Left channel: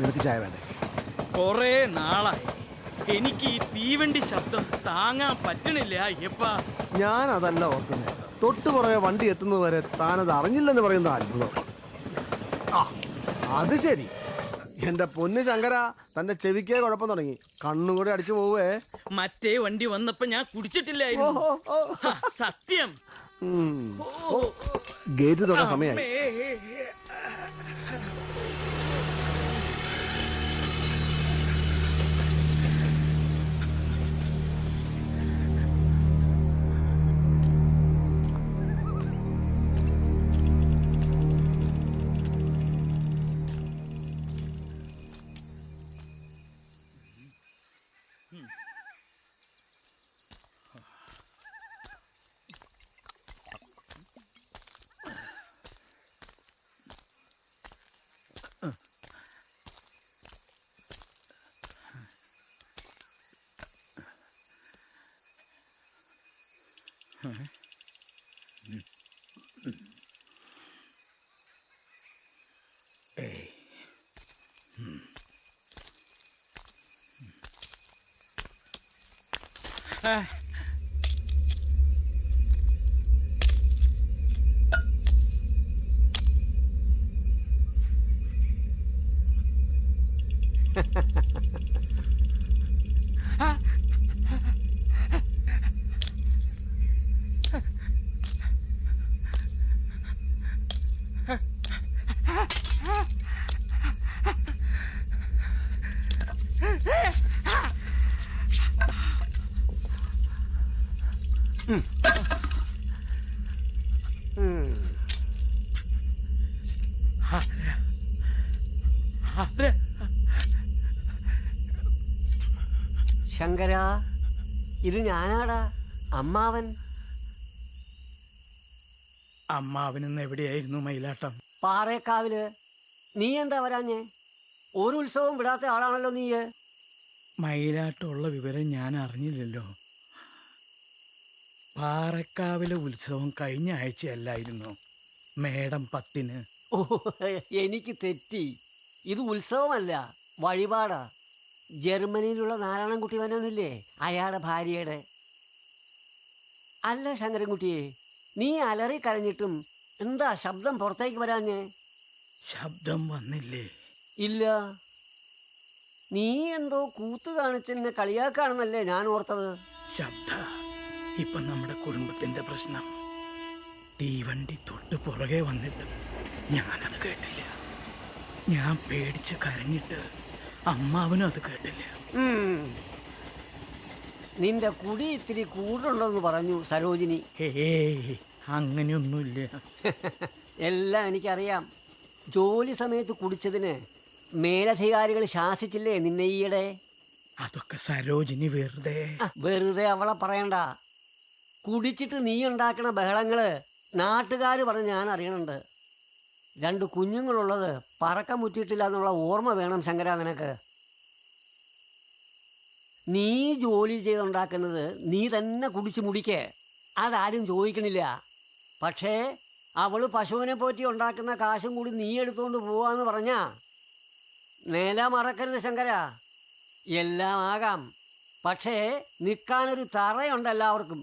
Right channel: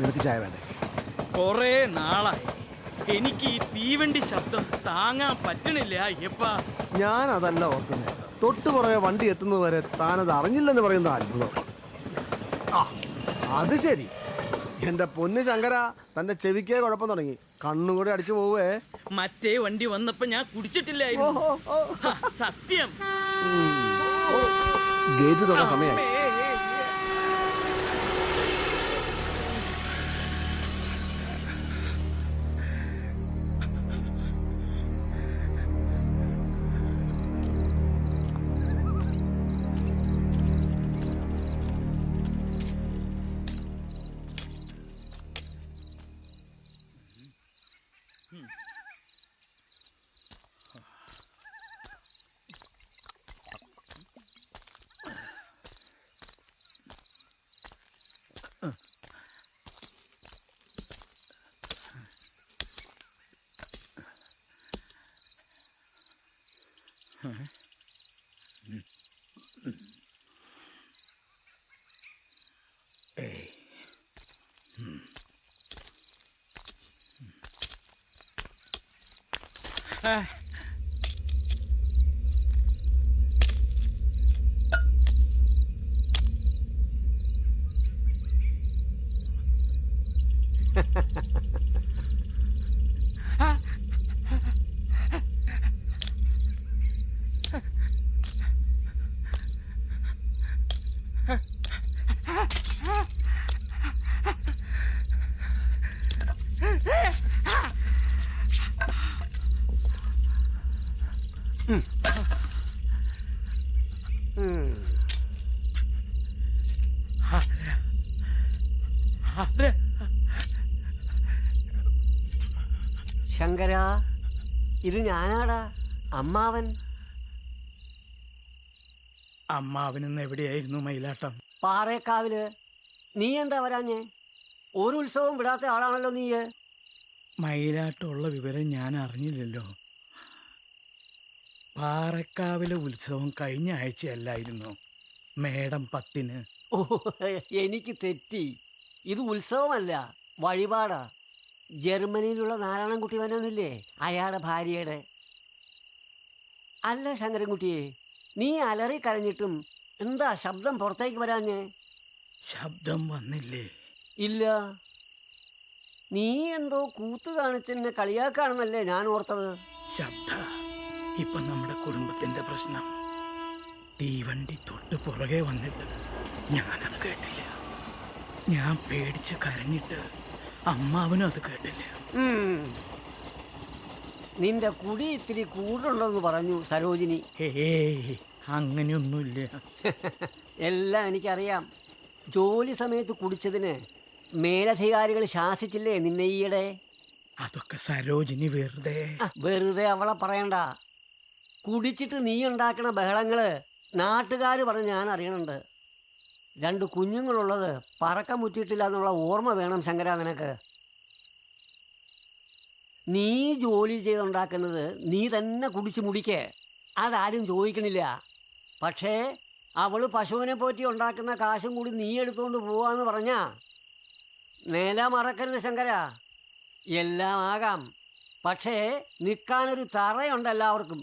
നിനക്ക് ചായ വേണ്ടേ? കൊറേ നാളായി എനിക്ക് ഈ തീവണ്ടി ശബ്ദം താങ്ങാൻ പറ്റണില്ല അയ്യപ്പാ. ഞാൻ അതല്ല ഓർക്കുന്നത്. തൊട്ടു പുറകെ വണ്ടി എത്തുന്നത് വരെ താനത് അറിഞ്ഞില്ലെന്ന് പറയുന്ന അത്ഭുതം. അത് ശരി. എന്റെ പൊന്ന് ശങ്കര, തന്റെ ചെവിക്കേ കുഴപ്പം തുടങ്ങി. കണ്ണുകൂടെ അടിച്ചു പോവേ. മറ്റേ വണ്ടി വന്നപ്പോ ഞാൻ കുടിച്ചിട്ടില്ലായിരുന്നു. സത്യം. ഗേറ്റ് തുറന്ന സമയമായി. ശങ്കര, ഇത് ഞാനാടാ, അമ്മാവൻ. അമ്മാവനെന്ന് എവിടെയായിരുന്നു മയിലാട്ടം? പാറേക്കാവില്. നീ എന്താ വരാഞ്ഞേ? ഒരു ഉത്സവം വിടാത്ത ആളാണല്ലോ നീ. മയിലാട്ടമുള്ള വിവരം ഞാൻ അറിഞ്ഞില്ലല്ലോ. പാറക്കാവിലെ ഉത്സവം കഴിഞ്ഞ ആഴ്ചയല്ലായിരുന്നു, മേടം 10-ന്. ഓ, എനിക്ക് തെറ്റി. ഇത് ഉത്സവമല്ല, വഴിപാടാ. ജർമ്മനിയിലുള്ള നാരായണൻകുട്ടി വനൊന്നുമില്ലേ, അയാളുടെ ഭാര്യയുടെ. അല്ല ശങ്കരൻകുട്ടിയെ, നീ അലറി കരഞ്ഞിട്ടും എന്താ ശബ്ദം പുറത്തേക്ക് വരാഞ്ഞേ? ശബ്ദം വന്നില്ലേ? ഇല്ല. നീ എന്തോ കൂത്ത് കാണിച്ചെന്നെ കളിയാക്കാണെന്നല്ലേ ഞാൻ ഓർത്തത്. ശബ്ദ ഇപ്പൊ നമ്മുടെ കുടുംബത്തിന്റെ പ്രശ്നം. തീവണ്ടി തൊട്ട് പുറകെ വന്നിട്ട് ഞാനത് കേട്ടില്ല. ഞാൻ പേടിച്ച് കരഞ്ഞിട്ട് അമ്മാവനും അത് കേട്ടില്ല. നിന്റെ കുടി ഇത്തിരി കൂടുതലുണ്ടെന്ന് പറഞ്ഞു സരോജിനി. അങ്ങനെയൊന്നുമില്ല. എല്ലാം എനിക്കറിയാം. ജോലി സമയത്ത് കുടിച്ചതിന് മേലധികാരികൾ ശാസിച്ചില്ലേ നിന്നെ ഈയിടെ? അതൊക്കെ സരോജിനി വെറുതെ അവളെ പറയണ്ട. കുടിച്ചിട്ട് നീ ഉണ്ടാക്കണ ബഹളങ്ങള് നാട്ടുകാർ പറഞ്ഞ് ഞാൻ അറിയണുണ്ട്. 2 കുഞ്ഞുങ്ങളുള്ളത് പറക്കം മുറ്റിയിട്ടില്ല എന്നുള്ള ഓർമ്മ വേണം ശങ്കര നിനക്ക്. നീ ജോലി ചെയ്തുണ്ടാക്കുന്നത് നീ തന്നെ കുടിച്ച് മുടിക്കേ, അതാരും ചോദിക്കണില്ല. പക്ഷേ അവള് പശുവിനെ പോറ്റി ഉണ്ടാക്കുന്ന കാശും കൂടി നീ എടുത്തുകൊണ്ട് പോവാന്ന് പറഞ്ഞാ നില മറക്കരുത് ശങ്കര. എല്ലാം ആകാം, പക്ഷേ നിൽക്കാനൊരു തറയുണ്ട് എല്ലാവർക്കും.